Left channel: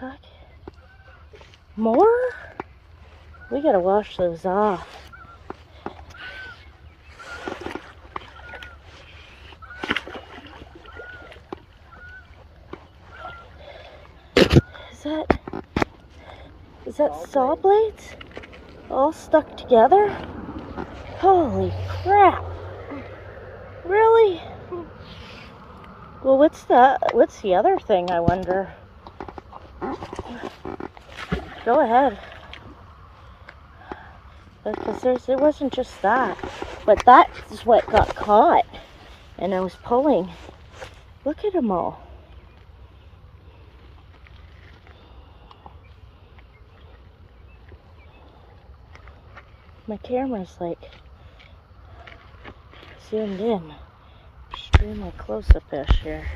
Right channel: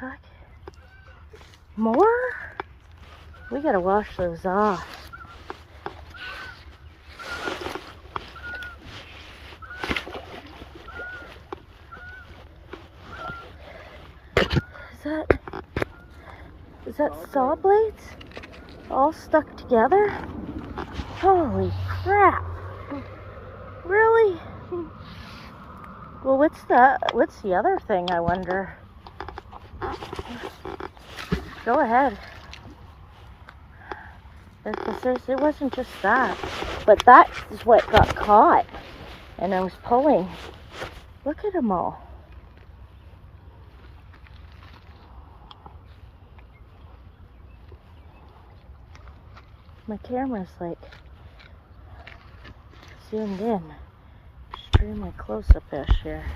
heck? More? We gotta wash those off. Is that saw blades? All stuck together? Holy crap. Really? Well, what's the other thing, I wonder? Go ahead. Because it wasn't just that. But that is what got caught. And I was pulling. Look at them all. My camera's like zoomed in. Extremely close-up-ish here.